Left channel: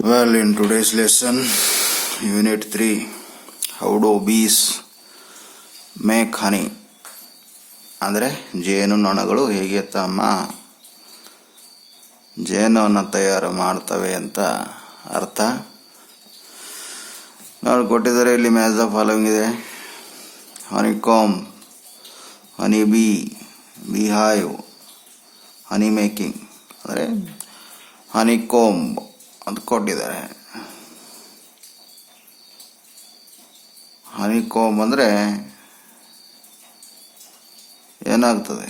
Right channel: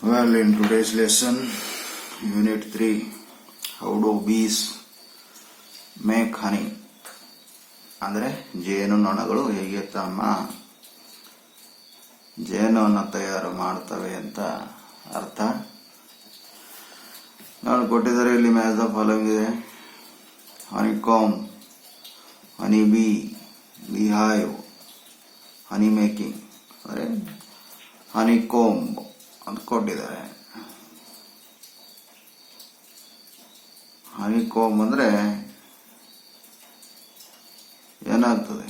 Well, in today's lesson, Unit 3, how do bees make honey? ಅಂದರೆ ಜೇನುನೊಣಗಳು ಹೇಗೆ ತಮ್ಮ ಜೇನನ್ನು ತಯಾರು ಮಾಡ್ತವೆ ಅಂತ ಅರ್ಥ. ನಾವು ಕೊಟ್ಟಿದ್ದಾರೆ ಇಲ್ಲಿ ಮ್ಯಾಚ್ ದ ಫಾಲೋವಿಂಗ್ ಇದೆ: honeycomb, honey bee, beehive, honey making. ಅಂದರೆ ಹನಿ ಕೋಂಬ್ ಅಂತ ಕೊಟ್ಟಿದ್ದಾರೆ. ಹನಿ ಕೋಂಬ್ ಅಂದರೆ ಏನಾಗ್ತದೆ,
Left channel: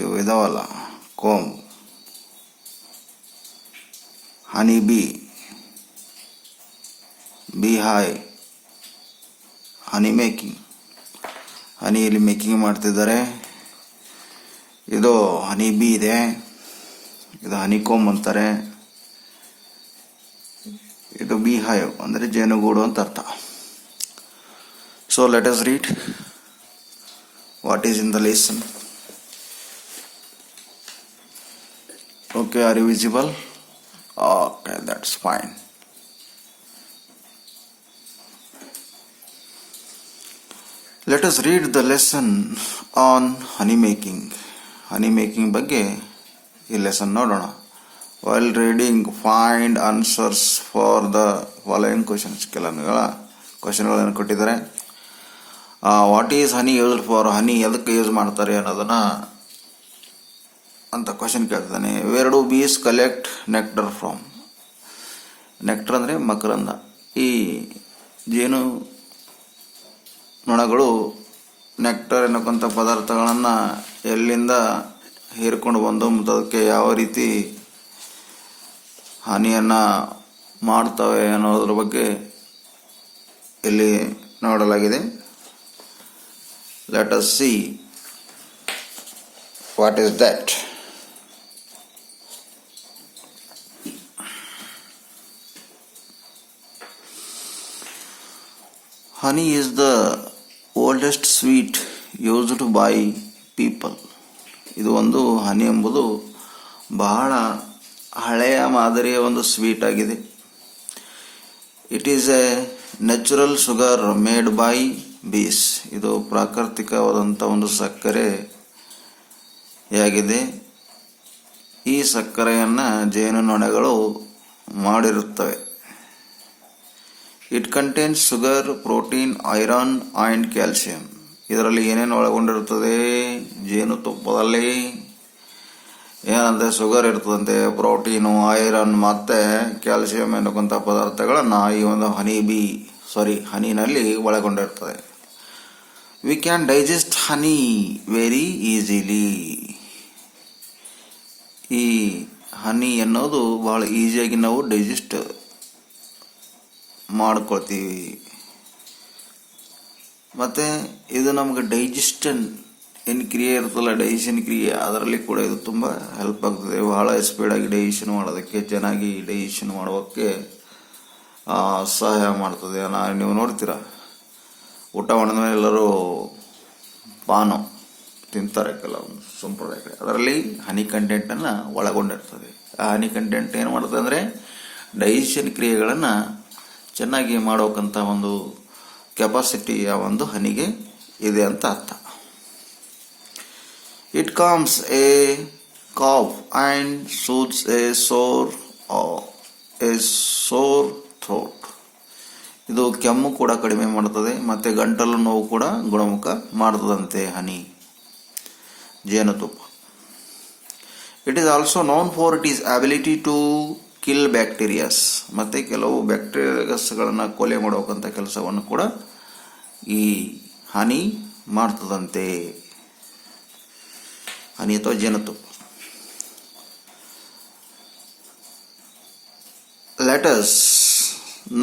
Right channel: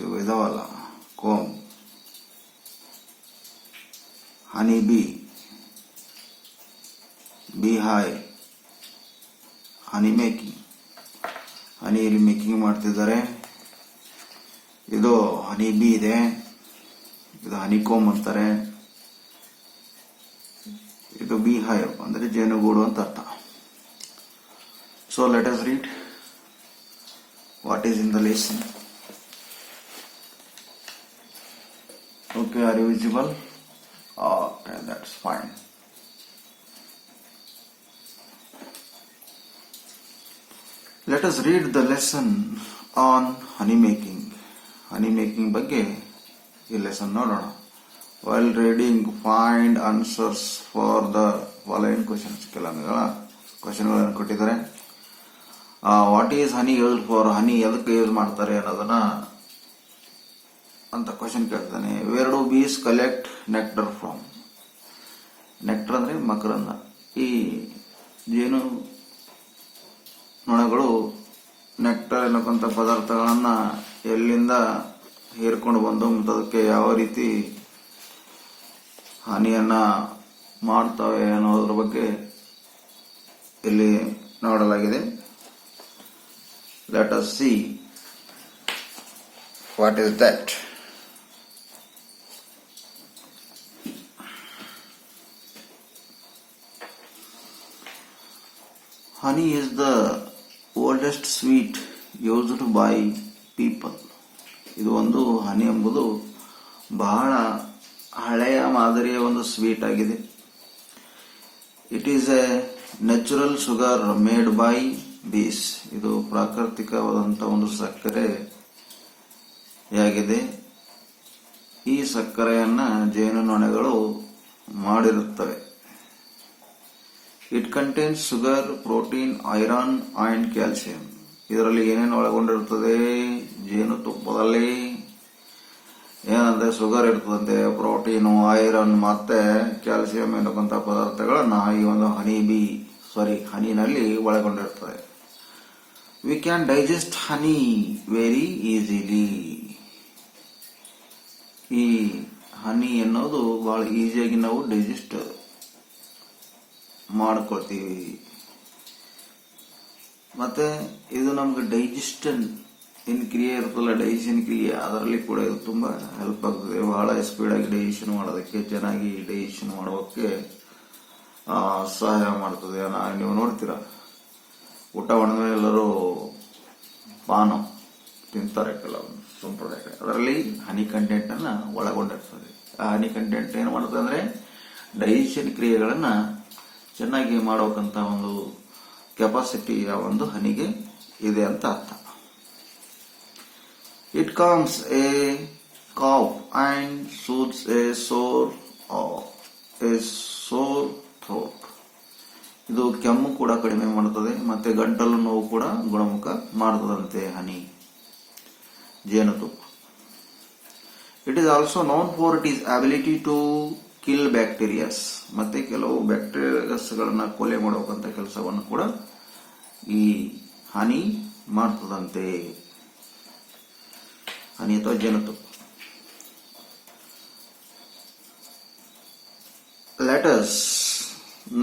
ಇವು ಇದಾವಲ್ಲ comb. Honey bee, beehive, honey making. Honey ಇಲ್ಲಿ ಮೇಕಿಂಗ್ ಮಾಡ್ತಿದ್ದಾರೆ. ಇದು ಹನಿ ಬಿ ಇದೆ, ಇದು ಹನಿ ಕೋಂಬ್ ಅಂತಾರೆ. ಇದು ಬಿ ಹೈವ್ ಅಂದರೆ ಜೇನುಗೂಡು ಅಂತ ಅರ್ಥ. So let us read what is in the lesson. Okay, are you visible? Okay, that's fine. Let us read the lesson on honey making. Honey making ಬಗ್ಗೆ ಈ ಲೆಸನ್ ನೋಡೋಣ. While reading, find answers for the following questions. ಕೆಲವು ಕ್ವಶನ್ಗಳನ್ನು ಕೊಟ್ಟಿದ್ದಾರೆ. What is honey used for? Honey ಎದಕ್ಕೆ use ಮಾಡ್ತಾರೆ ಅನ್ನೋದನ್ನ ಅಂತ ಕ್ವಶನ್ ಕೇಳ್ತಾನೆ. Where do bees collect nectar from? Nectar ಅಂದರೆ ಮಕರಂದ. ಈ ಜೇನು ನೊಣಗಳು ನೆಕ್ಟರ್ ಎನ್ನಕ್ಕಂಥ ಪದಾರ್ಥಗಳನ್ನು ಎಲ್ಲಿಂದ ಹೀರ್ಕೊಂಡು ಬಂದು ಮತ್ತು ಅದಕ್ಕೆ ಯಾವ ರೀತಿ ಹಾನಿಯನ್ನು ಮಾಡ್ತವೆ ಅನ್ನೋದ್ರ ಬಗ್ಗೆ ಇಲ್ಲಿ ನೋಡಲಾಗಿದೆ. Let us see what is that. Honey is the oldest sweet used by people. ಇದು ಒಂದು ಹನಿ ಎಂಬುದು ಬಹಳ ಹಳೆಯ ಮಾದರಿಯ ಒಂದು ಸ್ವೀಟ್ ಆಗಿದೆ. It is a natural sugar made by bees. ಇದು ಪ್ರಾಕೃತಿಕವಾದಂಥ ಒಂದು ಸಕ್ಕರೆಯಾಗಿದೆ. ಈ ಸಕ್ಕರೆಯನ್ನು ಜೇನುನೊಣಗಳು ಮಾಡಿರುತ್ತವೆ. It contains sugar, protein, iron and calcium. ಇದರಲ್ಲಿ ಏನೇನು ಒಳಗೊಂಡಿರುತ್ತದೆ? ಜೇನುತುಪ್ಪದಲ್ಲಿ ಏನಂದರೆ ಶುಗರ್ ಇರ್ತದಂತೆ, ಪ್ರೋಟೀನು, ಐರನ್ ಮತ್ತು ಕ್ಯಾಲ್ಸಿಯಂ ಎನ್ನುವಂಥ ಪದಾರ್ಥಗಳನ್ನು ಈ ಒಂದು ಹನಿನಲ್ಲಿ ಒಳಗೊಂಡಿರ್ತದೆ. We can digest honey very easily. ಈ ಹನಿ ಅನ್ನೋದು ಬಹಳ ಈಸಿಯಾಗಿ ನಾವು ಡೈಜೆಸ್ಟ್ ಮಾಡ್ಕೊಳ್ತೀವಿ. ಮತ್ತು ಇದು ನಮ್ಗೆ ಡೈಜೆಷನ್ ಏನು ಕ್ರಿಯೆ ಇರ್ತಲ್ಲ, ಡೈಜೆಷನ್ ಕ್ರಿಯೆ, ಅದರಲ್ಲಿ ಕೂಡ ಇದು ತುಂಬ ಹೆಲ್ಪ್ ಆಗ್ತದೆ. ಬಹಳ ಸ್ಪೀಡಾಗಿ ಡೈಜೆಷನ್ ಮಾಡೋದಕ್ಕೆ, ಚೆನ್ನಾಗಿ ಡೈಜೆಷನ್ ಮಾಡೋಕ್ಕೆ ಸಹಾಯ ಮಾಡ್ತದೆ. ನೀವು ನೋಡ್ತೀರ, ಊಟ ಮಾಡಿದ ಮೇಲೆ ಎಲ್ಲರೂ ಪಾನು ತಿಂತಾರೆ ಕೆಲವೊಂದು ಸಂಪ್ರದಾಯಗಳು. ಅದರಲ್ಲಿ ಹನಿ ಕಂಟೆಂಟನ್ನು ಒಳಗೊಂಡಿರ್ತದೆ. ಆ ಹನಿ ಕಂಟೆಂಟ್ ಏನು ಮಾಡ್ತದೆ ಅಂದರೆ ಡೈಜೆಷನ್ ಕ್ರಿಯೆಗಳನ್ನು ಚೆನ್ನಾಗಿ ಮಾಡೋಕ್ಕಂಥ ಒಂದು ಕೆಪಾಸಿಟಿ ಆ ಒಂದು ಹನಿಗೆ ಇದೆ ಅಂತ ಅರ್ಥ. It calms a cough and soothes a sore throat. ಇದು ಕೆಮ್ಮು ಕೂಡ ಕಡಿಮೆ ಮಾಡುತ್ತದೆ ಮತ್ತು ಗಂಟಲು ನೋವು ಕೂಡ ಗುಣಮುಖ ಮಾಡ್ತದಂತೆ ಹನಿ, ಜೇನುತುಪ್ಪ. It is also known for it is ability to kill bacterias. ಮತ್ತು ಕೆಲವು ಬ್ಯಾಕ್ಟೀರಿಯಾಸ್ಗಳನ್ನು ಕೊಲೆ ಮಾಡೋಕ್ಕಂಥ ಕೆಲಸವನ್ನು ಕೂಡ ಈ ಹನಿ ಮಾಡ್ತದಂತೆ. ಹನಿ ಅಥವಾ ಜೇನುತುಪ್ಪ. Let us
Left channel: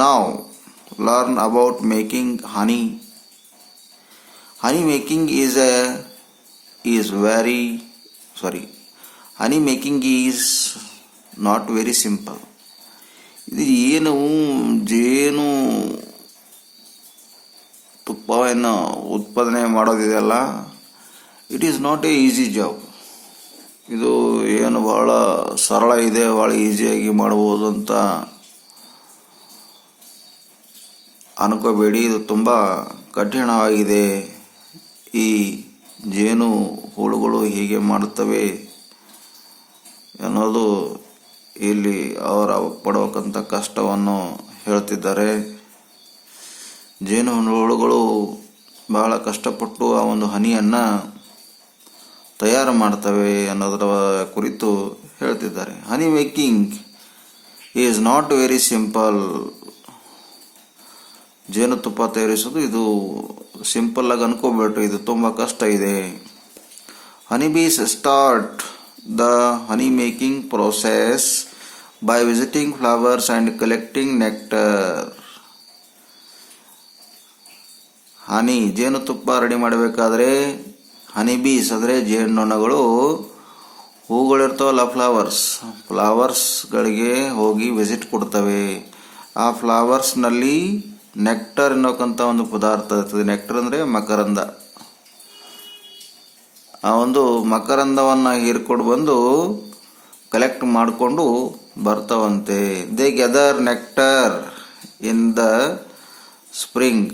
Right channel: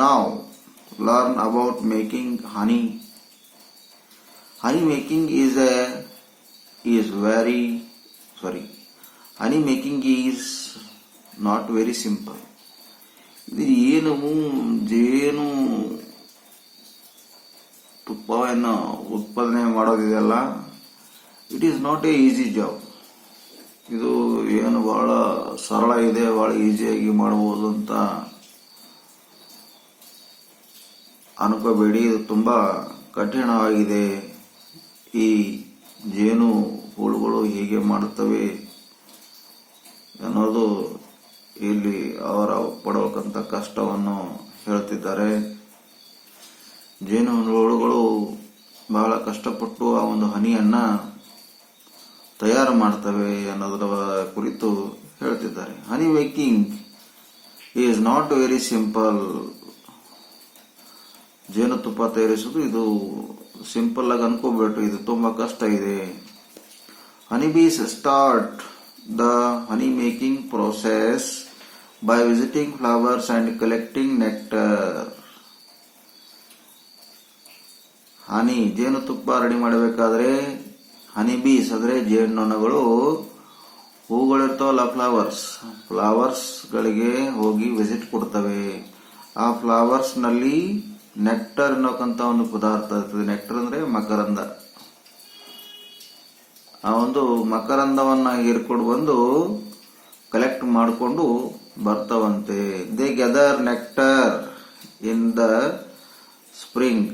now learn about making honey. Honey making honey making is not very simple. ಇದು ಏನು ಜೇನು ತುಪ್ಪವನ್ನು ಉತ್ಪಾದನೆ ಮಾಡೋದಿದೆಯಲ್ಲ, it is not a easy job. ಇದು ಏನು ಬಹಳ ಸರಳ ಇದೆ, ಭಾಳ ಈಸಿಯಾಗಿ ಮಾಡ್ಬೋದು ಅಂತ ಅನ್ಕೋಬೇಡಿ. ಇದು ತುಂಬ ಕಠಿಣವಾಗಿದೆ. ಈ ಜೇನು ಹುಳುಗಳು ಹೀಗೆ ಮಾಡುತ್ತವೆ ಅನ್ನೋದು ಇಲ್ಲಿ ಅವರ ಪಡುವಕ್ಕಂಥ ಕಷ್ಟವನ್ನು ಹೇಳ್ತಿದ್ದಾರೆ. ಜೇನು ಹುಳುಗಳು ಬಹಳ ಕಷ್ಟಪಟ್ಟು ಆ ಒಂದು ಹನಿಯನ್ನು ತಯಾರು ಮಾಡ್ತವೆ ಅನ್ನೋದರ ಕುರಿತು ಹೇಳ್ತಿದ್ದಾರೆ. Honey making is not very simple. ಜೇನುತುಪ್ಪ ತಯಾರಿಸೋದು ಇದು ಸಿಂಪಲ್ ಆಗಿ ಅನ್ಕೋಬೇಡ್ರಿ, ಇದು ತುಂಬ ಕಷ್ಟ ಇದೆ. Honey bees start the honey making process by visiting flowers and collecting nectar. Honey ಜೇನುತುಪ್ಪ ರೆಡಿ ಮಾಡಬೇಕಾದ್ರೆ ಹನಿ ಬೀಸ್ ಅಂದರೆ ಜೇನುನೊಣಗಳು ಹೂಗಳಿರ್ತಾವಲ್ಲ ಫ್ಲವರ್ಸ್ಗಳಿಗೆ ಹೋಗಿ ವಿಸಿಟ್ ಕೊಡ್ತವೆ. ಆ ಫ್ಲವರ್ಸ್ನಲ್ಲಿ ನೆಕ್ಟರ್ ಅನ್ನೋಕ್ಕಂಥ ಒಂದು ಪದಾರ್ಥ ಇರ್ತದೆ. ನೆಕ್ಟರ್ ಅಂದರೆ ಮಕರಂದ. ಆ ಒಂದು ಮಕರಂದವನ್ನು ಹೀರ್ಕೊಂಡು ಬಂದು ಕಲೆಕ್ಟ್ ಮಾಡಿಕೊಂಡು ಬರ್ತಾವಂತೆ. They gather nectar in the spring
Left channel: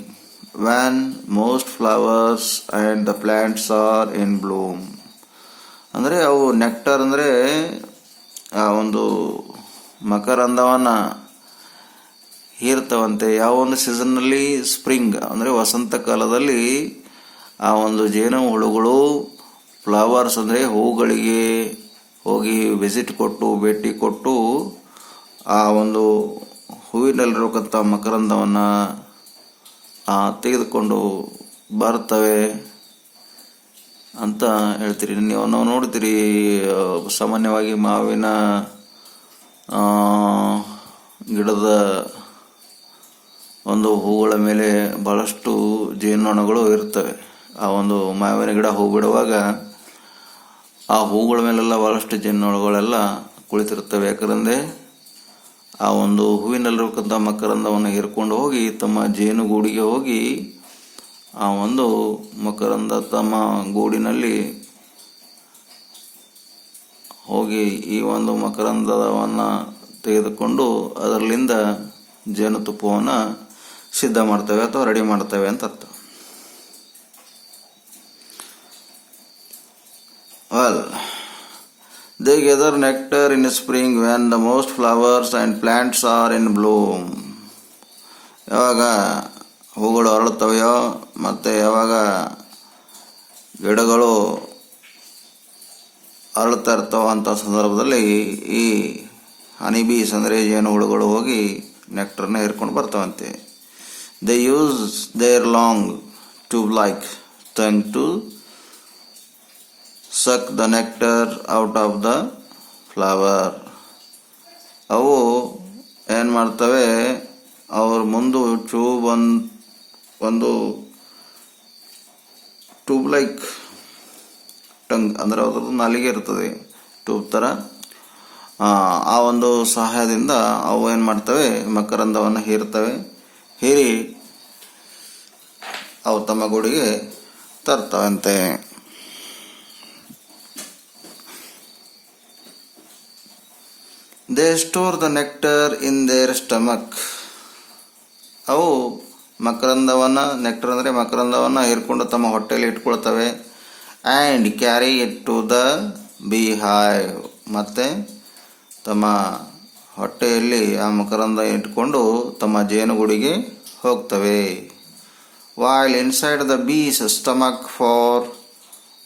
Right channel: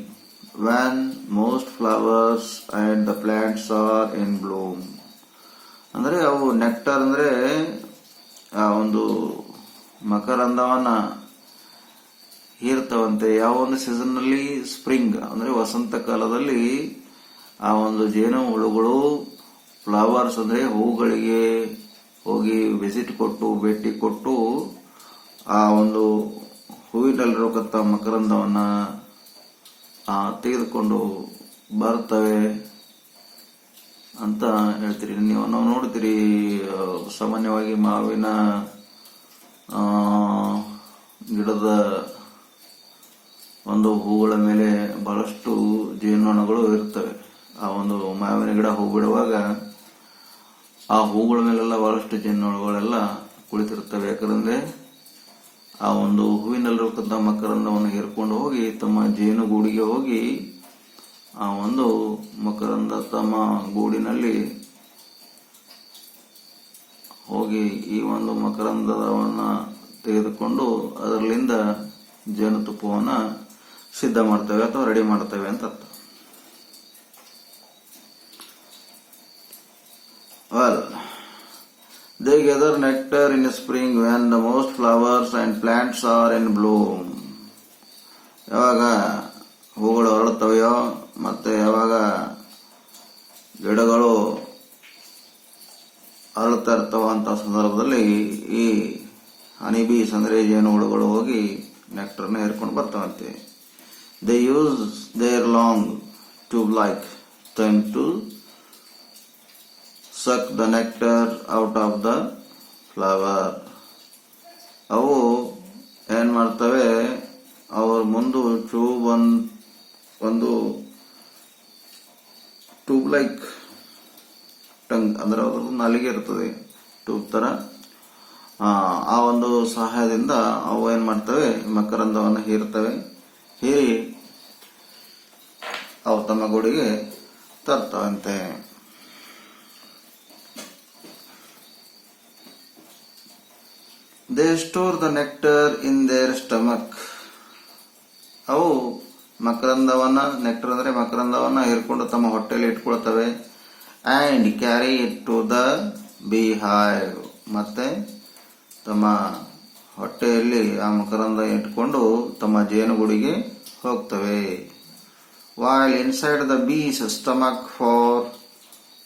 when most flowers and the plants are in bloom. ಅಂದರೆ ಅವು ನೆಕ್ಟರ್ ಅಂದರೆ ಆ ಒಂದು ಮಕರಂದವನ್ನು ಹೀರ್ತಾವಂತೆ. ಯಾವ ಒಂದು ಸೀಸನ್ನಲ್ಲಿ? ಸ್ಪ್ರಿಂಗ್ ಅಂದರೆ ವಸಂತ ಕಾಲದಲ್ಲಿ ಆ ಒಂದು ಜೇನು ಹುಳುಗಳು ಫ್ಲವರ್ಸ್ ಅಂದರೆ ಹೂಗಳಿಗೆ ಹೋಗಿ ವಿಸಿಟ್ ಕೊಟ್ಟು ಭೇಟಿ ಕೊಟ್ಟು ಆ ಒಂದು ಹೂವಿನಲ್ಲಿರತಕ್ಕಂಥ ಮಕರಂದವನ್ನು ತೆಗೆದುಕೊಂಡು ಬರ್ತವೆ ಅಂತ ಹೇಳ್ತೀರಿ. ನೀವು ನೋಡ್ತೀರಿ, ಸಾಮಾನ್ಯವಾಗಿ ಮಾವಿನ ಗಿಡದ ಒಂದು ಹೂಗಳ ಮೇಲೆ ಬಹಳಷ್ಟು ಜೇನುನೊಣಗಳು ಇರ್ತವೆ. ಆ ಒಂದು ಮಾವಿನ ಗಿಡ ಹೂ ಬಿಡುವಾಗ ಆ ಹೂಗಳ ಮೇಲೆಲ್ಲ ಬಹಳಷ್ಟು ಜೇನುನೊಣಗಳೆಲ್ಲ ಕುಳಿತಿರ್ತವೆ. ಯಾಕಂದರೆ ಆ ಒಂದು ಹೂವಿನಲ್ಲಿರತಕ್ಕಂಥ ಮಕರಂದವನ್ನು ಹೀರ್ಕೊಂಡು ಹೋಗಿ ತಮ್ಮ ಜೇನುಗೂಡಿಗೆ ಹೋಗಿ ಆ ಒಂದು ಮಕರಂದ ತಮ್ಮ ಗೂಡಿನಲ್ಲಿ ಹೋಗಿ ಈ ಒಂದು ಮಕರಂದವನ್ನು ತೆಗೆದುಕೊಂಡು ಅದರಲ್ಲಿಂದ ಜೇನುತುಪ್ಪವನ್ನು ಸಿದ್ಧ ಮಾಡ್ತವೆ ಅಥವಾ ರೆಡಿ ಮಾಡ್ತವೆ ಅಂತ ಅರ್ಥ. Well, they gather nectar in spring when the most flowers and plants are in bloom. ಯಾವಾಗ ಹೂಗಳು ಅರಳುತ್ತವೆಯೋ ಮತ್ತು ಯಾವಾಗ ಗಿಡಗಳು ಅರಳುತ್ತಾ ಇರ್ತಾವ ಅಂಥ ಸಂದರ್ಭದಲ್ಲಿ ಈ ಹನಿ ಬೀಸ್ ಅಂದರೆ ಜೇನು ಹುಳುಗಳು ಹೋಗಿ ನೆಕ್ಟರ್ನ ಹೇರ್ಕೊಂಡು ಬರ್ತಾವಂತೆ. They use their long tube-like tongue to suck the nectar out of the flower. ಅವು ಏನು ಮಾಡ್ತವೆ, ಅವ್ರ ಮುಂದೆ ಒಂದು ಟ್ಯೂಬ್ ಲೈಕ್ ಟಂಗ್ ಅಂದರೆ ಅದ್ರದ್ದು ನಾಲಿಗೆ ಇರ್ತದೆ, ಟ್ಯೂಬ್ ಥರ. ಆ ಒಂದು ಸಹಾಯದಿಂದ ಅವು ಏನು ಮಾಡ್ತವೆ, ಮಕರಂದವನ್ನು ಹೀರಿ ಅವು ತಮ್ಮ ಗೂಡಿಗೆ ತರ್ತಾವಂತೆ. They store the nectar in their stomach. ಅವು ನೆಕ್ಟರ್ ಅಂದರೆ ಮಕರಂದವನ್ನು ಹೀರ್ಕೊಂಡು ತಮ್ಮ ಹೊಟ್ಟೆಯಲ್ಲಿ ಇಟ್ಕೊಳ್ತವೆ. And carry it to the beehive. ಮತ್ತು ತಮ್ಮ ಹೊಟ್ಟೆಯಲ್ಲಿ ಆ ಮಕರಂದ ಇಟ್ಕೊಂಡು ತಮ್ಮ ಜೇನುಗೂಡಿಗೆ ಹೋಗ್ತವೆ. while inside the bee's stomach for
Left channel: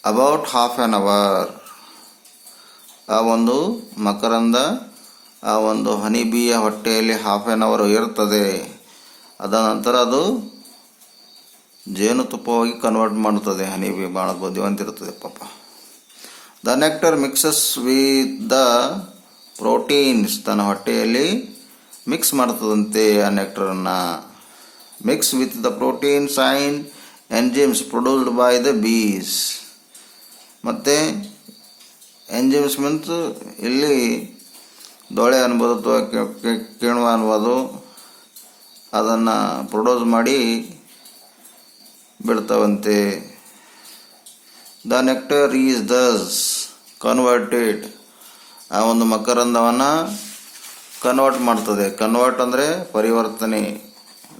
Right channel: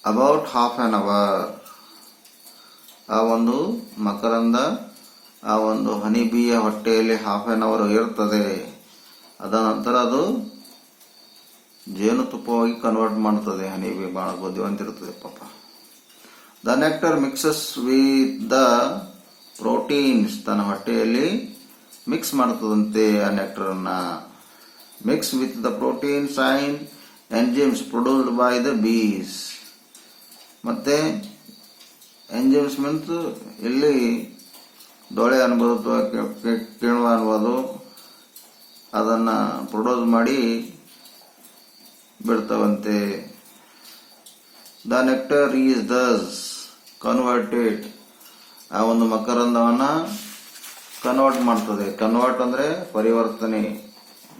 about half an hour. ಆ ಒಂದು ಮಕರಂದ ಆ ಒಂದು ಹನಿ ಬೀಯ ಹೊಟ್ಟೆಯಲ್ಲಿ ಹಾಫ್ ಆನ್ ಅವರ್ ಇರ್ತದೆ. ಅದ ನಂತರ ಅದು ಜೇನುತುಪ್ಪವಾಗಿ ಕನ್ವರ್ಟ್ ಮಾಡುತ್ತದೆ. ಹನಿ ಬೀ ಭಾಳ ಬುದ್ಧಿವಂತ ಇರ್ತದೆ ಪಾಪ. The nectar mixes with the proteins. ತನ್ನ ಹೊಟ್ಟೆಯಲ್ಲಿ ಮಿಕ್ಸ್ ಮಾಡ್ತದಂತೆ ಆ ನೆಕ್ಟರನ್ನು. Mix with the proteins and enzymes produced by the bees. ಮತ್ತು ಎಂಜಿಮ್ಸ್ ಮೀನ್ಸ್ ಇಲ್ಲಿ ದೊಳೆ ಅನ್ಬೋದು ಅಥವಾ ಕಿಣ್ವ ಅನ್ಬೋದು, ಅದನ್ನು ಪ್ರೊಡ್ಯೂಸ್ ಮಾಡಿ ಬಿಡ್ತಾವಂತೆ. The nectar is Dus converted ಆ ಒಂದು ಮಕರಂದವನ್ನು ಕನ್ವರ್ಟ್ ಮಾಡ್ತದೆ. ಕನ್ವರ್ಟ್ ಅಂದರೆ ಪರಿವರ್ತನೆ,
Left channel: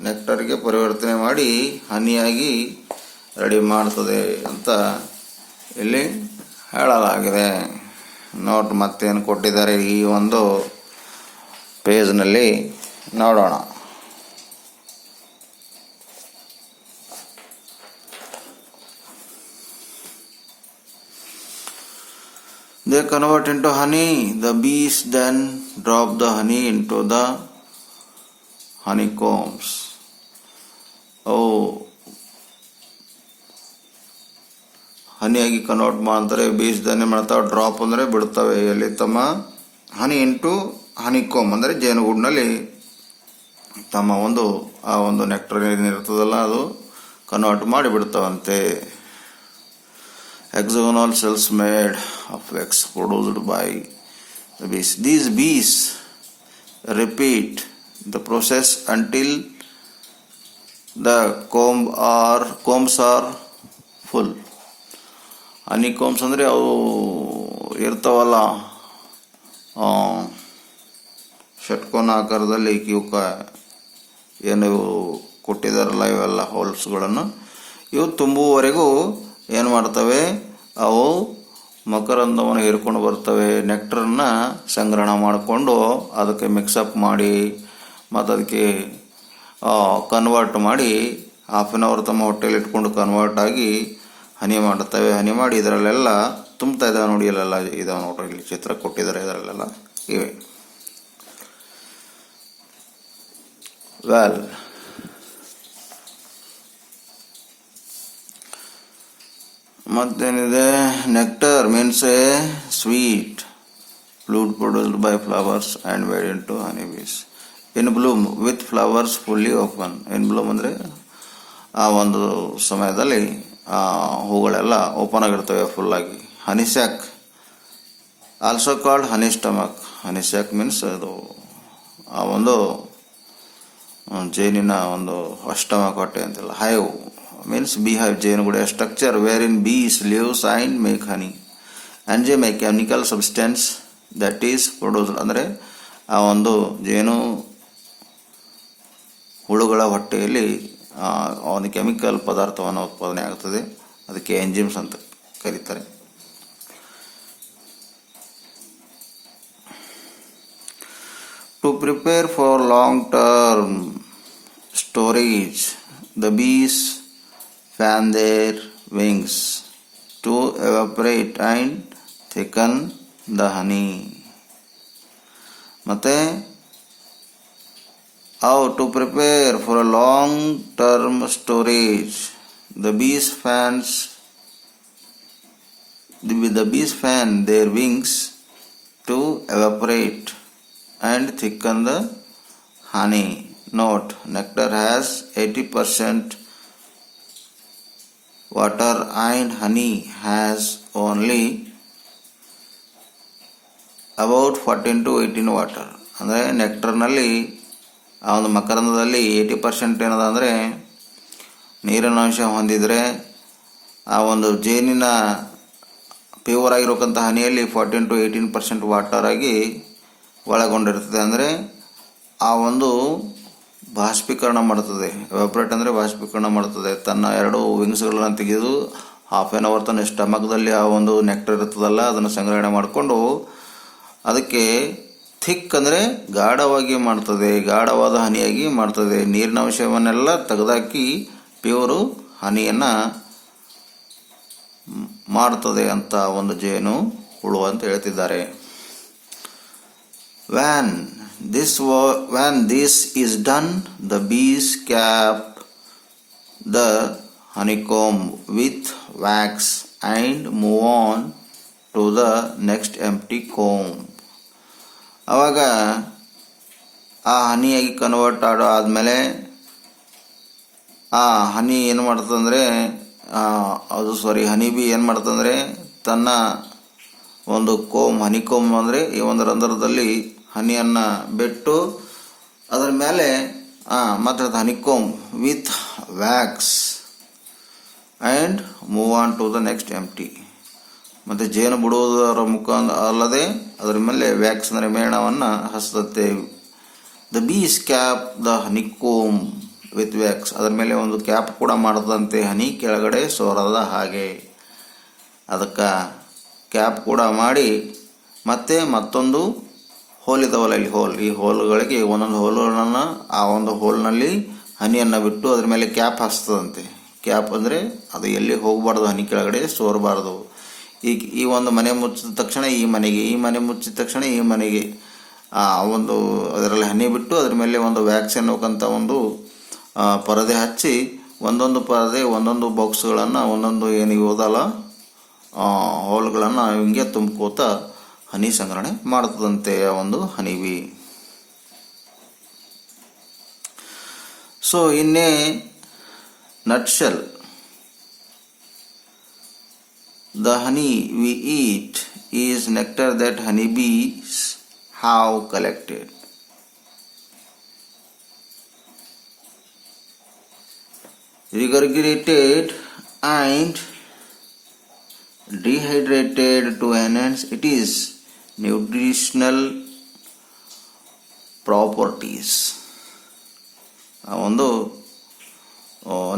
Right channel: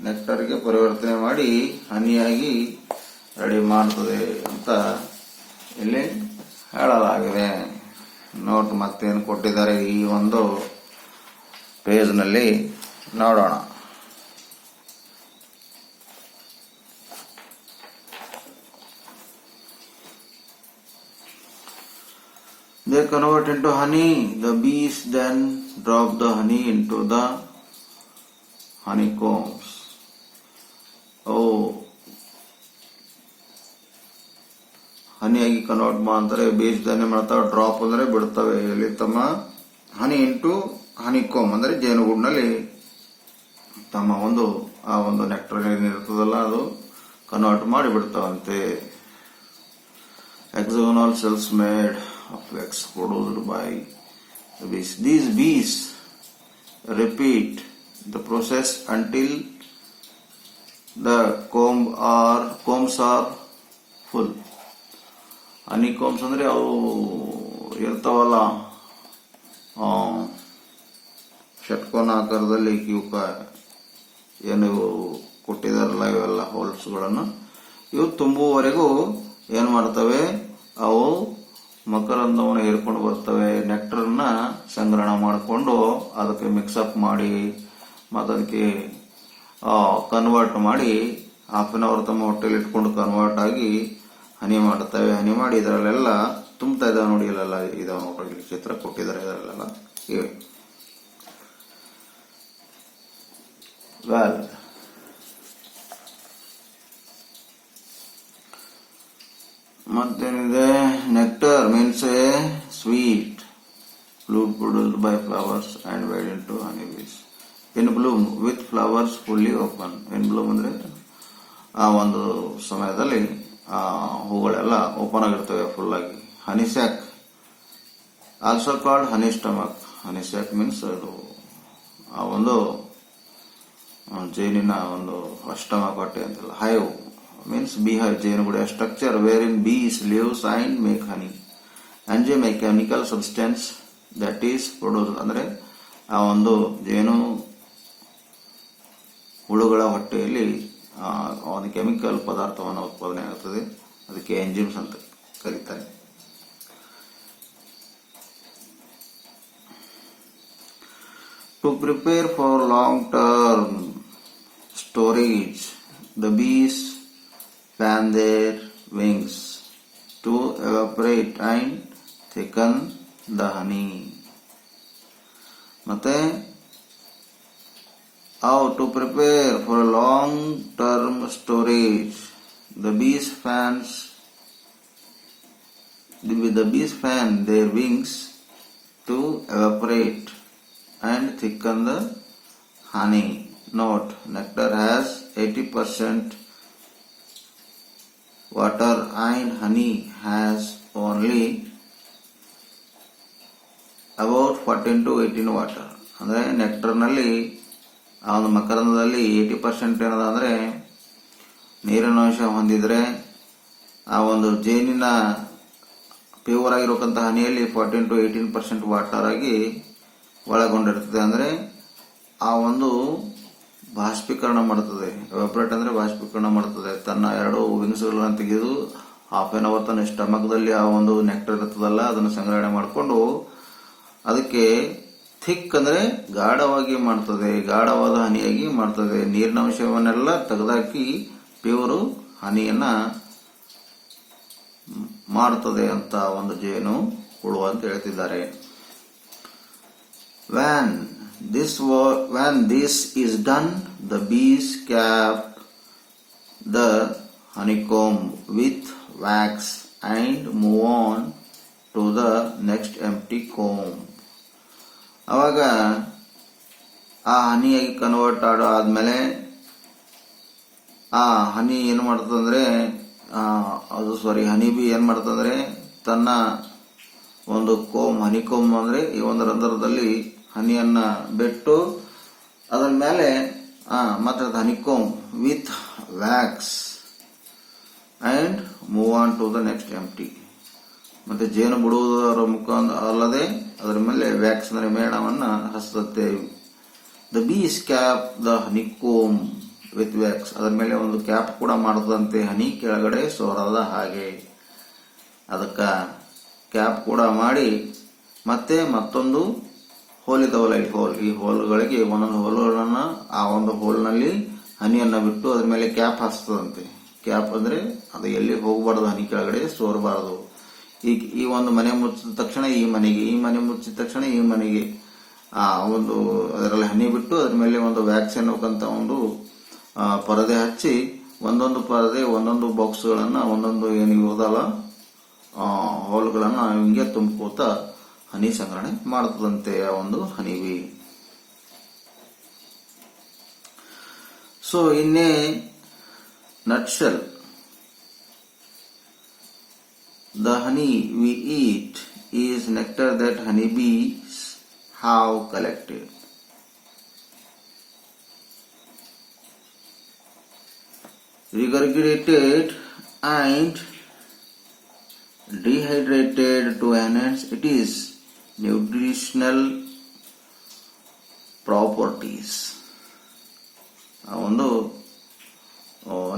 ನೆಕ್ಟರ್ಗೆ ಪರಿವರ್ತನೆ ಮಾಡಿ ಹನಿಯಾಗಿ ರೆಡಿ ಮಾಡ್ತದೆ ಅಂತ ಇಲ್ಲಿ ಹೇಳಲಾಗಿದೆ. ನೋಟ್ ಮತ್ತೇನು ಕೊಟ್ಟಿದ್ದಾರೆ ಈ ಒಂದು ಪೇಜ್ನಲ್ಲಿ ನೋಡೋಣ. They convert into honey. The bees then drop the honey into the honeycombs. ಹನಿಯಾಗಿ ಕನ್ವರ್ಟ್ ಮಾಡ್ತಾರೆ. ಬೀಸ್ ದನ್ ಏನು ಮಾಡ್ತಾವೆ, ಡ್ರಾಪ್ ಅಂದರೆ ಬಿಡ್ತವೆ. ಎಲ್ಲಿ ತಮ್ಮ ಹನಿ ಇಂಟು ಹನಿಕೋಮ್ ಅಂದರೆ ಜೇನುಗೂಡಿನಲ್ಲಿ ತಮ್ಮ ಆ ಒಂದು ನೆಕ್ಟರ್ ಏನಿರ್ತದಲ್ಲ ಅದು ಕನ್ವರ್ಟ್ ಮಾಡಿ ಬಿಡ್ತಾವಂತೆ. Hexagonal cells made of wax produced by the bees. These bees repeat the process until the combs are full. ಹನಿಕೋಮ್ಸ್ ಅಂದರೆ ಅವು ಇರ್ತಾವಲ್ಲ ಷಟ್ಕೋನ ಆಕಾರದಲ್ಲಿ ಇವಕ್ಕ ಏನು ಕೊಟ್ಟಿದಾರಲ್ಲ ಇವೆಲ್ಲ ಹೋಲ್ಸ್ಗಳನ್ನು ಇವು ತುಂಬುವವರೆಗೂ ಏನು ಮಾಡ್ತವೆ, ಅವು ಮಕರಂದವನ್ನು ಹೀರ್ಕೊಂಡು ಬರ್ತವೆ. ನೆಕ್ಟರನ್ನ ಸಂಗ್ರಹಣ ಮಾಡಿಕೊಂಡು ಅದಕ್ಕೆ ಮಿಕ್ಸಪ್ ಮಾಡಿ ಮತ್ತು ಅದಕ್ಕೆ ಕನ್ವರ್ಟ್ ಮಾಡಿ ಹಾಫ್ ಆನ್ ಅವರ್ ತಮ್ಮ ಹೊಟ್ಟೆಯಲ್ಲಿ ಇಟ್ಕೊಂಡು ಕನ್ವರ್ಟ್ ಆಗಿ ಹನಿ ಮಾಡುತ್ತವೆ. ಹನಿ ಮಾಡಿ ಇದರಲ್ಲೆಲ್ಲ ತುಂಬ್ತಾ ಇದ್ದಾವೆ ನೋಡಿ, ಇಲ್ಲೆಲ್ಲ ಇದಾವೆ ನೋಡ್ರಿ, ಇಲ್ಲಿ ಚಿತ್ರ ಕೊಟ್ಟಿದ್ದಾರೆ ಇದರಲ್ಲೆಲ್ಲ ಇವೆ. ವೆಲ್, ಮತ್ತೇನಿದೆ, nectar means a sweet fluid produced by flowers and made into honey bees in bloom with flowers fully open. In bloom ಅಂದರೆ ಆ ಒಂದು ಸಮಯದಲ್ಲಿ ಹೂಗಳೆಲ್ಲ ಓಪನ್ ಆಗಿರ್ತವೆ ಫುಲ್ಲಾಗಿ. Honey sac also called honey stomach. Honey sac means ಅದು ಆ ಒಂದು ಜೇನಿನ ಒಂದು ಸ್ಟಮಕ್ ಹೊಟ್ಟೆ ಅಂತಿಲ್ಲ. ಹೈವ್ means beehive, ಜೇನುಗೂಡು structure wherein bees lives and make honey. Enzyme a chemical substance that is produced. ಅಂದರೆ ಆ ಒಂದು ಜೇನು ಹುಳುಗಳ ಹೊಟ್ಟೆಯಲ್ಲಿ ಒಂದು ಕೆಮಿಕಲ್ ಪದಾರ್ಥವನ್ನು ಉತ್ಪಾದನೆ ಆಗ್ತದೆ, ಅದಕ್ಕೆ ಎಂಜಿಮ್ಸ್ ಅಂತ ಕರೀತಾರೆ. To prepare for long-term storage, the bees fan their wings to evaporate and thicken the honey. ಮತ್ತೆ how to prepare for a long term storage, the bees fan their wings to evaporate and thicken the honey. Note, nectar has 80% water and honey has only about 14 to 18 water. ಅಂದರೆ ನೆಕ್ಟರ್ನಲ್ಲಿ ಆ ಒಂದು ಮಕರಂದದಲ್ಲಿ 80% ಏನದ ಅಂದರೆ ನೀರಿನ ಅಂಶ ಹೊಂದಿದರೆ, ಆ ಒಂದು ಜೇನಿನ ಪ್ಯೂರ್ ಆಗಿರೋಕ್ಕಂಥ ಹನಿಯಲ್ಲಿ 14 to 18% ವಾಟರ್ ಆಗಿ ಒಳಗೊಂಡಿರ್ತದೆ. ಅಂದರೆ ಆ ಒಂದು ಬಾಷ್ಪೀಕರಣ ಮಾಡುತ್ತದೆ. ಎವಾಪರೇಟ್ ಅಂದರೆ ಬಾಷ್ಪೀಕರಣ ಮಾಡುತ್ತದೆ. ತನ್ನ ಎರಡು ವಿಂಗ್ಸ್ಗಳನ್ನು ತೆಗೆದು ಹಾಫ್ ಆನ್ ಅವರ್ ತನ್ನ ಸ್ಟಮಕ್ದಲ್ಲಿ ಆ ಒಂದು ನೆಕ್ಟರ್ ಇರ್ತದಲ್ಲ ಅದನ್ನು ಸಂಗ್ರಹಣೆ ಮಾಡಿಕೊಂಡು ಅದಕ್ಕೆ ಥಿಕ್ ಅಂದರೆ ಗಾಢವಾಗಿ ಮಾಡ್ತದೆ, ಗಾಢವಾದ ಹನಿಯಾಗಿ ಮಾಡ್ತದೆ. ನೀರಿನ ಅಂಶವನ್ನೆಲ್ಲ ತೆಗೆದಾಕಿ ಪ್ಯೂರು ಹನಿಯನ್ನು ಮಾಡ್ತದೆ ಅಂತ ಒಂದು ಜೇನು ಹುಳು ಅಂತ ಹೇಳ್ತಿದ್ದಾರೆ. When this is done, the bees cap the honeycomb with wax and move on to the next empty comb. ಆವಾಗ ಆ ಹನಿಯಾಗಿ ಕನ್ವರ್ಟ್ ಆದಮೇಲೆ ಆ ಹನಿ ಏನು ಮಾಡ್ತದಂದರೆ ಹನಿ ಬಿ ಏನು ಮಾಡ್ತಂದರೆ ತನ್ನ ಒಂದು ಹನಿಕೋಮ್ ಅಂದರೆ ಈ ಒಂದು ರಂಧ್ರದಲ್ಲಿ ಹನಿಯನ್ನು ಬಿಟ್ಟು ಅದರ ಮೇಲೆ ಮತ್ತು honeycomb with wax and move on to the next empty. ಮತ್ತು ಜೇನು ಬಿಡುವುದರ ಅಲ್ಲದೆ ಅದರ ಮೇಲೆ ವ್ಯಾಕ್ಸ್ ಅಂದರೆ ಮೇಣವನ್ನು ಹಚ್ಚುತ್ತೆ. The bees cap the honeycomb with wax, ಅದರ ಮೇಲೆ ಒಂದು ಕ್ಯಾಪ್ ಕೂಡ ಮಾಡದಂತೆ ಹನಿ ಕೆಳಗಡೆ ಸೋರದ ಹಾಗೆ ಅದಕ್ಕೆ ಕ್ಯಾಪ್ ಕೂಡ ಮಾಡಿ ಮತ್ತೆ ಮತ್ತೊಂದು ಹೋಲ್ ಇದಾವಲ್ಲ ಈ ಹೋಲ್ಗಳಿಗೆ ಒಂದೊಂದು ಹೋಲ್ಗಳನ್ನು ಆ ಒಂದು ಹೋಲ್ನಲ್ಲಿ ಹನಿಯನ್ನು ಬಿಟ್ಟು ಅದ್ರ ಮೇಲೆ ಕ್ಯಾಪ್ ಹಾಕ್ತದಂತೆ. ಕ್ಯಾಪ್ ಅಂದರೆ ಅದು ಎಲ್ಲಿ ಹೋಗಬಾರ್ದು, ಹನಿ ಕೆಳಗಡೆ ಸೋರಬಾರ್ದು. ಈ ಒಂದು ಮನೆ ಮುಚ್ಚಿದ ತಕ್ಷಣ ಈ ಮನೆ ಮುಚ್ಚಿದ ತಕ್ಷಣ ಈ ಮನೆಗೆ ಒಂದು ಅದರಲ್ಲಿ ಹನಿ ಬಿಟ್ಟು ಅದ್ರ ಮೇಲೆ ಒಂದು ವ್ಯಾಕ್ಸ್ ಅನ್ನೋಕ್ಕಂಥ ಒಂದು ಪರದೆ ಹಚ್ಚಿ ಒಂದೊಂದು ಪರದೆ ಒಂದೊಂದು ಬಾಕ್ಸ್ಗಳನ್ನು ಒಂದೊಂದು ಏನು ಓದಲ್ಲ ಹೋಲ್ಗಳನ್ನು ಹಿಂಗೆ ತುಂಬ್ಕೋತ ಹನಿ ಸಂಗ್ರಹಣೆ ಮಾಡ್ತದಂತೆ ಆ ಒಂದು honeybee. So in a nutshell, the honey we eat is nectar that honeybees have collected. Regurgitated and dehydrated to enhance its nutritional properties. ಆ ಒಂದು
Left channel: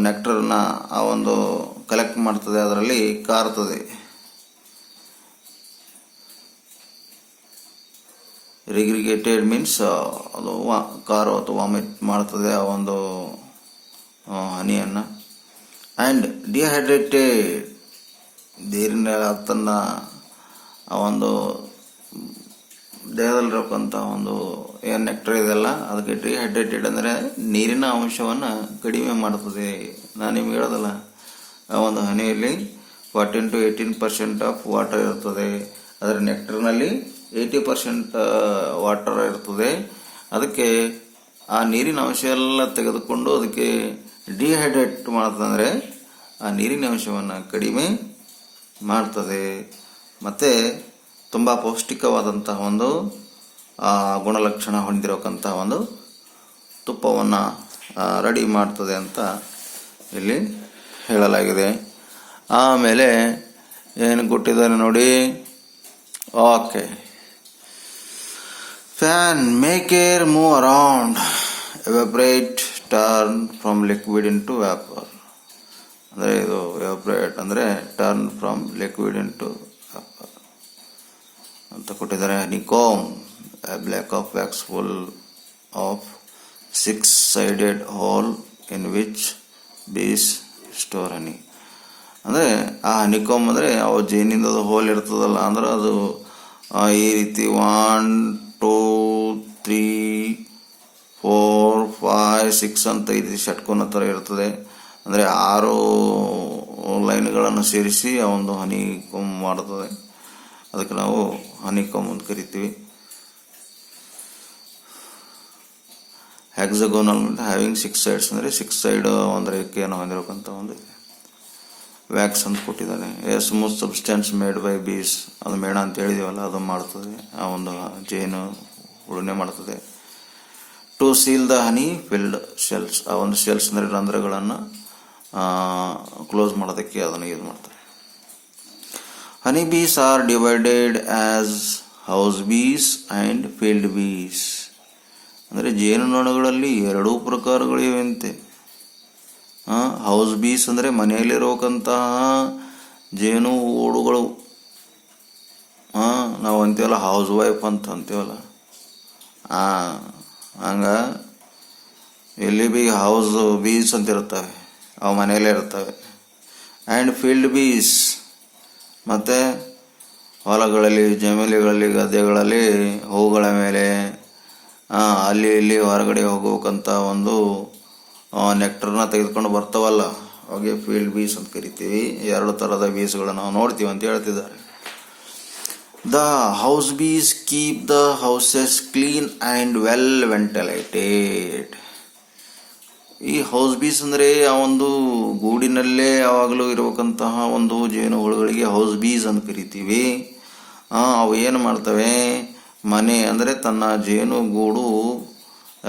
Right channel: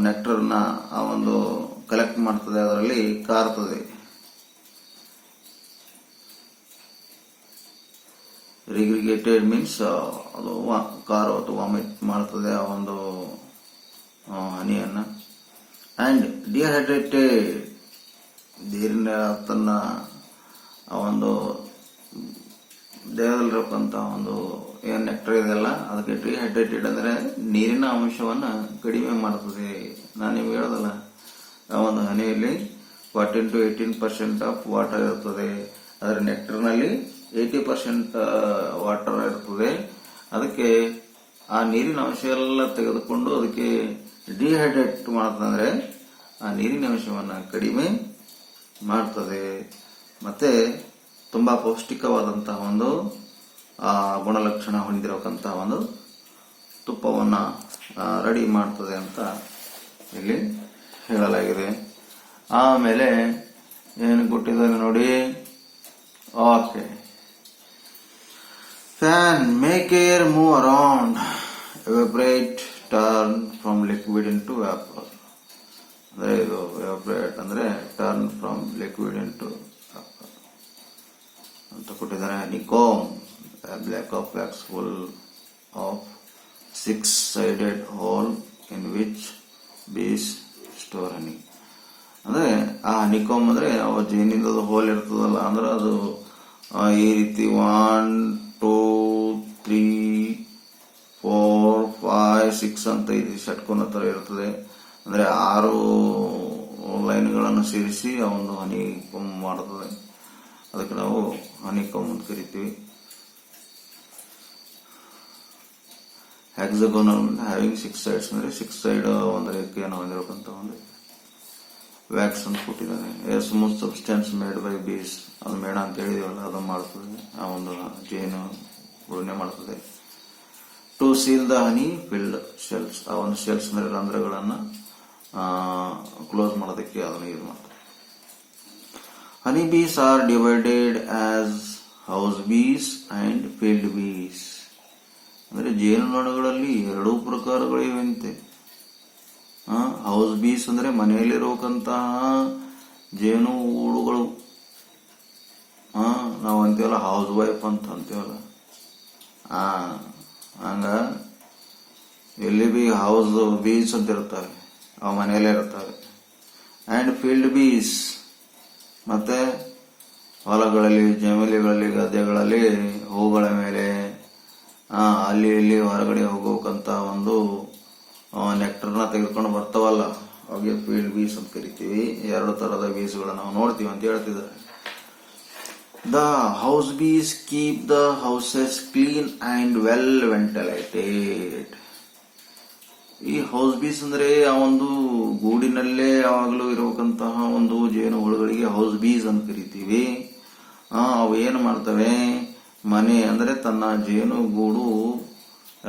ನೆಕ್ಟರ್ನ ಆ ಒಂದು ಕಲೆಕ್ಟ್ ಮಾಡ್ತದೆ, ಅದರಲ್ಲಿ ಕಾರ್ತದೆ. ರಿಗ್ರಿಗೇಟೆಡ್ ಮೀನ್ಸ್ ಅದು ಕಾರು ಅಥವಾ ವಾಮಿಟ್ ಮಾಡ್ತದೆ ಆ ಒಂದು ಹನಿಯನ್ನು. ಆ್ಯಂಡ್ ಡಿಹೈಡ್ರೇಟೆಡ್, ನೀರಿನ ತನ್ನ ಆ ಒಂದು ದೇಹದಲ್ಲಿರಕ್ಕಂಥ ಒಂದು ಏನು ನೆಕ್ಟರ್ ಇದೆಲ್ಲ ಅದಕ್ಕೆ ಡಿಹೈಡ್ರೇಟೆಡ್ ಅಂದರೆ ನೀರಿನ ಅಂಶವನ್ನು ಕಡಿಮೆ ಮಾಡ್ತದೆ. ನಾನು ನಿಮ್ಗೆ ಹೇಳೋದಲ್ಲ, ಆ ಒಂದು ಹನಿಯಲ್ಲಿ 14 to 18% ಆಫ್ ವಾಟರ್ ಇರ್ತದೆ. ಅದರ ನೆಕ್ಟರ್ನಲ್ಲಿ 80% ವಾಟರ್ ಇರ್ತದೆ. ಅದಕ್ಕೆ ಆ ನೀರಿನ ಅಂಶ ಎಲ್ಲ ತೆಗೆದುಕೊಂಡು ಅದಕ್ಕೆ ಡಿಹೈಡ್ರೇಟ್ ಮಾಡ್ತಂದರೆ ಆ ನೀರಿನ ಅಂಶವನ್ನು ಕಡಿಮೆ ಮಾಡ್ತದೆ. ಮತ್ತು ತುಂಬ ಪೌಷ್ಟಿಕವಾದಂತಹ ಒಂದು ಗುಣಲಕ್ಷಣ ಹೊಂದಿರತಕ್ಕಂಥ ಒಂದು ತುಪ್ಪವನ್ನು ರೆಡಿ ಮಾಡ್ತದೆ ಅಂತ ಇಲ್ಲಿ ಹೇಳಲಾಗಿದೆ. ಆಮೇಲೆ ಏನು ಕೊಟ್ಟಿದ್ದಾರೆ ನೋಡಿ. Okay, fan make air move around, evaporate, turn from liquid into vapour. ಅಂದರೆ ಇದು ಎವಾಪರೇಟ್ ಅಂದರೆ turn from liquid into vapour ಅಂತ ಕೊಟ್ಟಿದ್ದಾರೆ. ಹನಿಕೋಮ್, a block of wax full of 6-sided hole in which bees store honey. ಅಂದರೆ ಆ ಹನಿಕೋಮ್ ಅಂದರೆ ಅವು ಜೇನಿಂದ ಅದು ಹೋಲ್ ಇರ್ತದಲ್ಲ, ಅಂದ್ರೆ ಅದು ಈ ರೀತಿ 1 2 3 4 5 6 ಅಂತ ಇದು ಷಟ್ಕೋನ ಥರ ಇರ್ತದೆ. ಅಂದರೆ 6 ಲೈನ್ಗಳನ್ನು ಸೇರಿಸಿ ಆ ಒಂದು ಹನಿಕೋಮ್ ಮಾಡ್ತದೆ. ಅದಕ್ಕೆ ನಾವು ಹನಿಕೋಮ್ ಅಂತ ಕರಿತೀವಿ. ಹೆಕ್ಸಗೋನಲ್ ಹ್ಯಾವಿಂಗ್ 6 sides ಅಂದರೆ 6 ಸೈಡ್ ಒಂದು ರೇಖೆಯನ್ನು ಹೊಂದಿರಬೇಕಂತ ಒಂದು ವ್ಯಾಕ್ಸ್ ಅಂತ ಕೊಟ್ಟಿದ್ದಾನೆ. ಸ್ಮೂತ್ ಸಬ್ಸ್ಟೆನ್ಸ್ ಮೇಡ್ ಬೈ ಬೀಸ್, ಅದು ಮೇಣ ಅಂತ ಹೇಳಿದೀವಲ್ಲ ಅದು ಮಾಡ್ತದೆ, ಆ ಒಂದು ಜೇನು ಉಳುಮೆ ಮಾಡ್ತದೆ. To seal the honey filled shells, ಆ ಒಂದು ಶೆಲ್ಸ್ ಅಂದರೆ ರಂಧ್ರಗಳನ್ನು ಕ್ಲೋಸ್ ಮಾಡೋದಕ್ಕೆ ಅದನ್ನು ಯೂಸ್ ಮಾಡ್ತಾರೆ. Honey bees are divided as house bees and field bees. ಅಂದರೆ ಜೇನುನೊಣಗಳಲ್ಲಿ 2 ಪ್ರಕಾರಗಳಿವೆಂತೆ. ಹೌಸ್ ಬೀಸ್ ಅಂದರೆ ಮನೆಯಲ್ಲಿರೋಕ್ಕಂತಹ ಜೇನು ಓಡುಗಳು, ನಾವು ಅಂತೀವಲ್ಲ ಹೌಸ್ ವೈಫ್ ಅಂತ ಅಂತೀವಲ್ಲ, ಹಂಗ ಇಲ್ಲಿ ಬಿ ಹೌಸ್ ಬೀಸ್ ಅಂತ ಇರ್ತವೆ, ಅವು ಮನೆಯಲ್ಲೇ ಇರ್ತವೆ. ಆ್ಯಂಡ್ ಫೀಲ್ಡ್ ಬೀಸ್ ಮತ್ತು ಹೊಲಗಳಲ್ಲಿ, ಜಮೀನುಗಳಲ್ಲಿ, ಗದ್ದೆಗಳಲ್ಲಿ, ಹೂಗಳ ಮೇಲೆ ಅಲ್ಲಿ ಇಲ್ಲಿ ಹೊರಗಡೆ ಹೋಗೋಕ್ಕಂಥ ಒಂದು ನೆಕ್ಟರ್ನ ತೆಗೆದುಕೊಂಡು ಬರ್ತಾವಲ್ಲ, ಅವಾಗೆ ಫೀಲ್ಡ್ ಬೀಸ್ ಅಂತ ಕರಿತೀವಿ. 2 ಥರದ ಬೀಸ್ಗಳನ್ನು ನಾವು ನೋಡ್ತೀವಿ ಅಂತ ಹೇಳ್ತಿದ್ದಾರೆ. The house bees keep the houses clean and well ventilated. ಈ ಹೌಸ್ ಬೀಸ್ ಅಂದರೆ ಆ ಒಂದು ಗೂಡಿನಲ್ಲೇ ಯಾವಾಗಲೂ ಇರಬೇಕಂತಹ ಒಂದು ಜೇನು ಹುಳುಗಳಿಗೆ ಹೌಸ್ ಬೀಸ್ ಅಂತ ಕರಿತೀವಿ. ಅವು ಏನು ಮಾಡ್ತವೆ, ಮನೆ ಅಂದರೆ ತನ್ನ ಜೇನು ಗೂಡು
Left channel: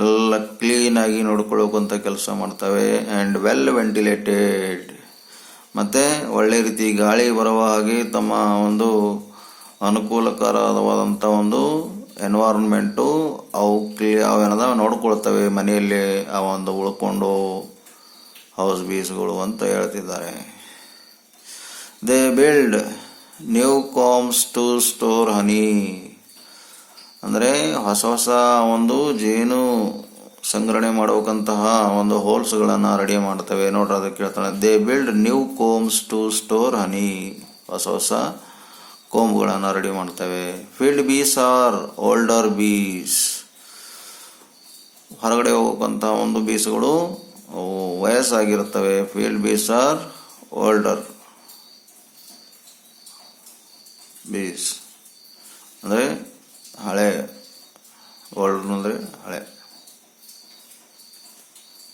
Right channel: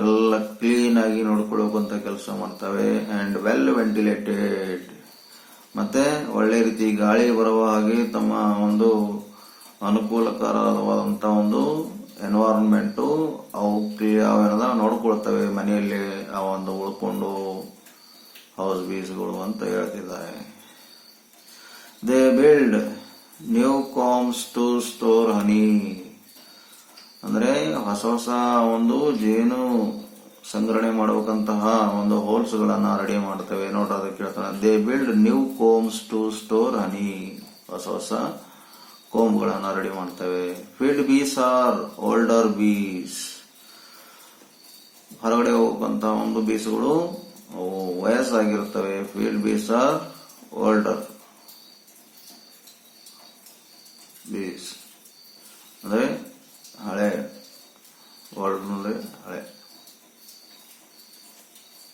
ಎಲ್ಲ ಕ್ಲೀನಾಗಿ ನೋಡ್ಕೊಳ್ಳೋಕಂತ ಕೆಲಸ ಮಾಡ್ತವೆ. ಆ್ಯಂಡ್ ವೆಲ್ ವೆಂಟಿಲೇಟೆಡ್, ಮತ್ತು ಒಳ್ಳೆ ರೀತಿ ಗಾಳಿ ಬರುವ ಹಾಗೆ ತಮ್ಮ ಒಂದು ಅನುಕೂಲಕರವಾದಂಥ ಒಂದು ಎನ್ವೈರನ್ಮೆಂಟು ಅವೇನದ ನೋಡ್ಕೊಳ್ತವೆ ಮನೆಯಲ್ಲಿ ಆ ಒಂದು ಉಳ್ಕೊಂಡು ಹೌಸ್ ಬೀಸ್ಗಳು ಅಂತ ಹೇಳ್ತಿದ್ದಾರೆ. They build new combs to store honey, ಅಂದರೆ ಹೊಸ ಹೊಸ ಒಂದು ಜೇನು ಸಂಗ್ರಹಣೆ ಮಾಡಬೇಕಂತಹ ಒಂದು ಹೋಲ್ಸ್ಗಳನ್ನು ರೆಡಿ ಮಾಡ್ತವೆ. ನೋಡ್ರಿ ಅದಕ್ಕೆ ಕೇಳ್ತಾನೆ, they build new combs to store honey, ಹೊಸ ಹೊಸ ಕೋಮ್ಗಳನ್ನು ರೆಡಿ ಮಾಡ್ತವೆ. Field bees are older bees, ಹೊರಗಡೆ ಹೋಗಕ್ಕಂಥ ಒಂದು ಬೀಸ್ಗಳು ವಯಸ್ಸಾಗಿರ್ತವೆ. Field bees are older bees ಅಂದರೆ ಹಳೆ, ಓಲ್ಡ್ ಅಂದರೆ ಹಳೆ.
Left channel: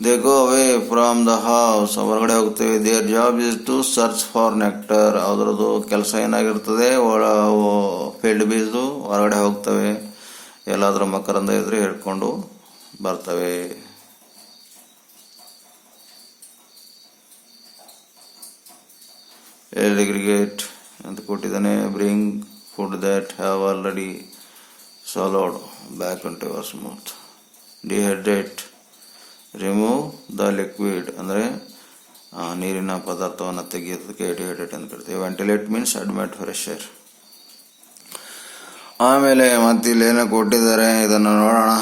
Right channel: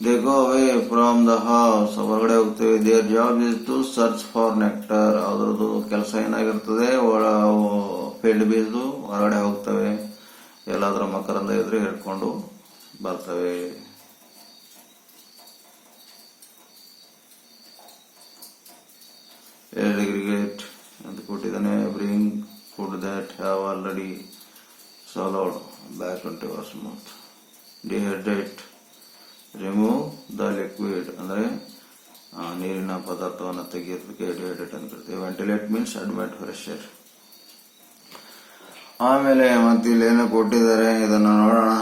They go away from the house, ಹೊರಗಡೆ ಹೋಗ್ತೇವೆ. Their job is to search for nectar, ಅದರದ್ದು ಕೆಲಸ ಏನಾಗಿರ್ತದೆ, ಫೀಲ್ಡ್ ಬೀಸ್ದು ಹೊರಗಡೆ ಹೋಗ್ತವೆ, ಎಲ್ಲಾದರೂ ಮಕರಂದ ಇದ್ರೆ ಹಿಡ್ಕೊಂಡು ಬರ್ತವೆ. ಎಗ್ರಿಗೇಟ್ ಅಂತ ಕೊಟ್ಟಿದ್ದಾನೆ. Bring food that have already swallowed back into your mouth. Dehydrate, remove the liquid, ಅಂದರೆ ನೀರಿನ ಪದಾರ್ಥವನ್ನು ತೆಗೆಯೋದಕ್ಕೆ ಡಿಹೈಡ್ರೇಟ್ ಅಂತ ಕರಿತೀವಿ. Ventilate means admit fresh air. ಆಮೇಲೆ ಮತ್ತೆ ಇಲ್ಲಿ ಏನೋ ಕೊಟ್ಟಿದ್ದಾರೆ, ಇದನ್ನು ನೋಡೋಣ.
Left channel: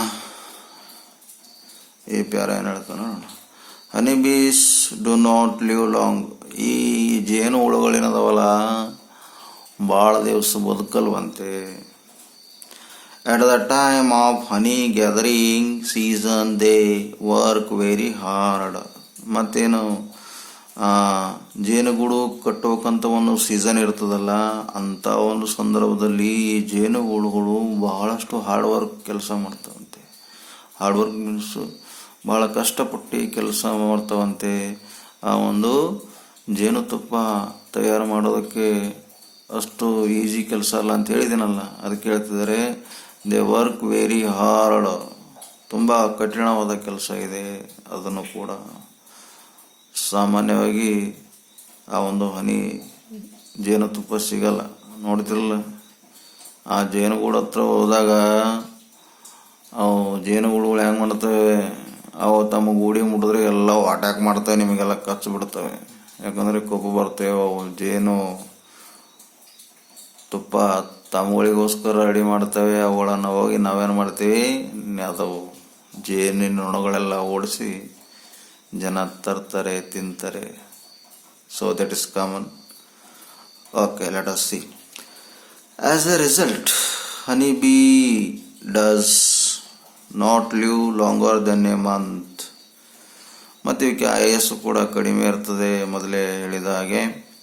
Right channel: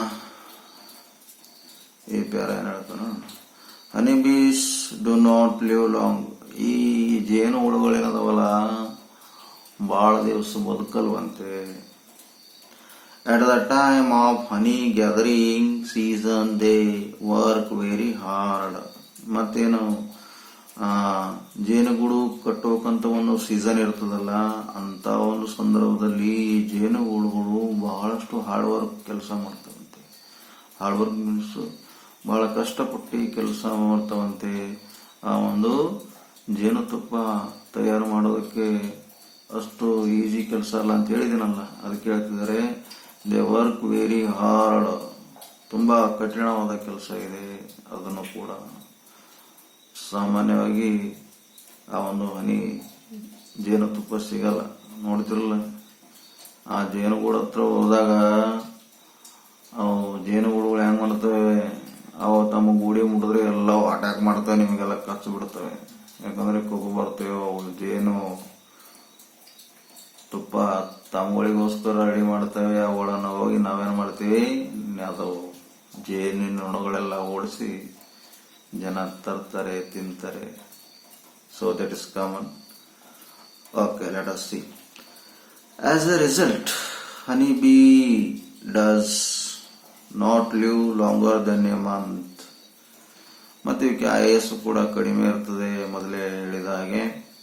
ಈ ಪ್ಯಾರ ಏನು ಹೇಳ್ತಾನೆ ನೋಡೋಣ. ಹನಿ ಬೀಸ್ ಡು ನಾಟ್ ಲಿವ್ ಲಾಂಗ್, ಈ ಜೇನು ಹುಳುಗಳೇನದಾವಲ್ಲ ಭಾಳ ದಿವಸ ಬದುಕಲ್ವಂತೆ. At the time of honey gathering season they work very hard. ಮತ್ತೇನು ಜೇನುಗೂಡು ಕಟ್ಟಬೇಕಂತ ಒಂದು ಸೀಸನ್ ಇರ್ತದಲ್ಲ, ಅಂಥ ಒಂದು ಸಂದರ್ಭದಲ್ಲಿ ಈ ಜೇನುಗೂಡುಗಳು ಬಹಳಷ್ಟು ಹಾರ್ಡ್ ವರ್ಕ್ ಕೆಲಸ ಮಾಡ್ತಾವಂತೆ. ಹಾರ್ಡ್ ವರ್ಕ್ ಮೀನ್ಸು ಭಾಳ ಕಷ್ಟಪಟ್ಟು ಕೆಲಸ ಮಾಡ್ತಾವಂತೆ. ಆ ಒಂದು ಜೇನುತುಪ್ಪ ತಯಾರು ಮಾಡೋದಕ್ಕೆ ಅಷ್ಟು ಈಸಿ ಕೆಲಸ ಅಲ್ಲ ಅಂತ ಹೇಳಿದ್ದೀನಲ್ಲ, ಅದಕ್ಕೆ ಹೇಳ್ತಿದ್ದಾರೆ. ದೇ ವರ್ಕ್ ವೆರಿ ಹಾರ್ಡ್, ತುಂಬ ಕಠಿಣವಾದ ಕೆಲಸ ಇದೆ. ಅದನ್ನು ಕೂಡ ಸಾಮಾನ್ಯವಾಗಿ ಆ ಒಂದು ಹನಿ ಜೇನುತುಪ್ಪ ಸಿಗಲ್ಲ, ನೋಡ್ತಿರಲ್ಲ. ಆ ಜೇನುಗೂಡು ಹತ್ರ ಹೋದಾಗ ಅವು ಜೇನುಗೂಡುಗಳು ಹೆಂಗೆ ಮಾಡ್ತವೆ, ಅವು ತಮ್ಮ ಗೂಡಿ ಮುಟ್ಟಿದ್ರೆ ಎಲ್ಲ ಅಟ್ಯಾಕ್ ಮಾಡ್ತವೆ, ನಿಮಗೆಲ್ಲ ಕಚ್ಚಿ ಬಿಡ್ತವೆ. ಯಾಕಂದರೆ ಕೊಬ್ಬು ಬರ್ತವೆ. ಅವು ಜೇನು ತುಪ್ಪ ತಮ್ಮಗಳಿಗೋಸ್ಕರ ರೆಡಿ ಮಾಡ್ತವೆ. ಅವುಗಳನ್ನು ಹೋಗಿ ನಾವೇನು ಮಾಡ್ತೀವಿ, ಅದು ಜೇನಿನ ನೊಣಗಳೆಲ್ಲ ಓಡಿಸಿ ಜನ ತರ್ತಾರೆ, ತಿಂತಾರೆ. So that is common. Okay, let us see. As a result honey bee does not live longer than a month. ಮತ್ತು ಇವಕ್ಕೆ ಆಯಸ್ಸು ಕೂಡ ಕಡಿಮೆ ಇರ್ತದೆ, ಮೊದಲೇ ಹೇಳಿದ ಹಾಗೆ.